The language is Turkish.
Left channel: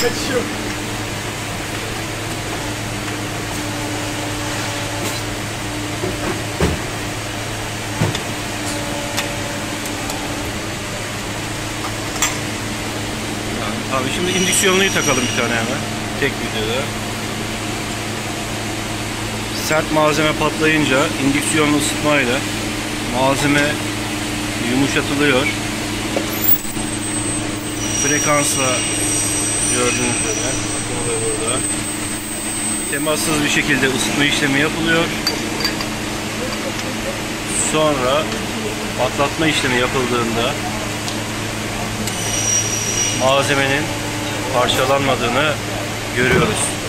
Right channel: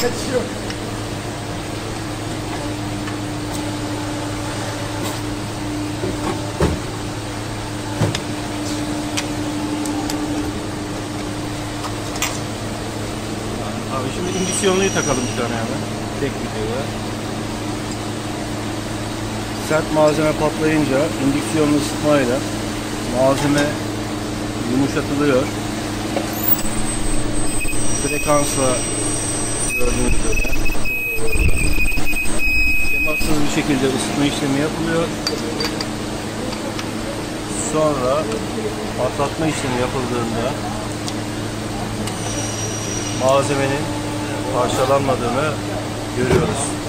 Kaçıyor. Abi şimdi indüksiyonluyu takalım bir tane hemen. Tek videoda. Sert malzeme patlayınca indüksiyonlu ısıtmayla malzeme yumuşatılıyor. Frekansla gördüğünüz üzere burada temassız bir şekilde ısıtma işlemi yapılıyor. Sonra patlatma işlemi yapıldığında malzemenin parçalanmadığını görüyoruz.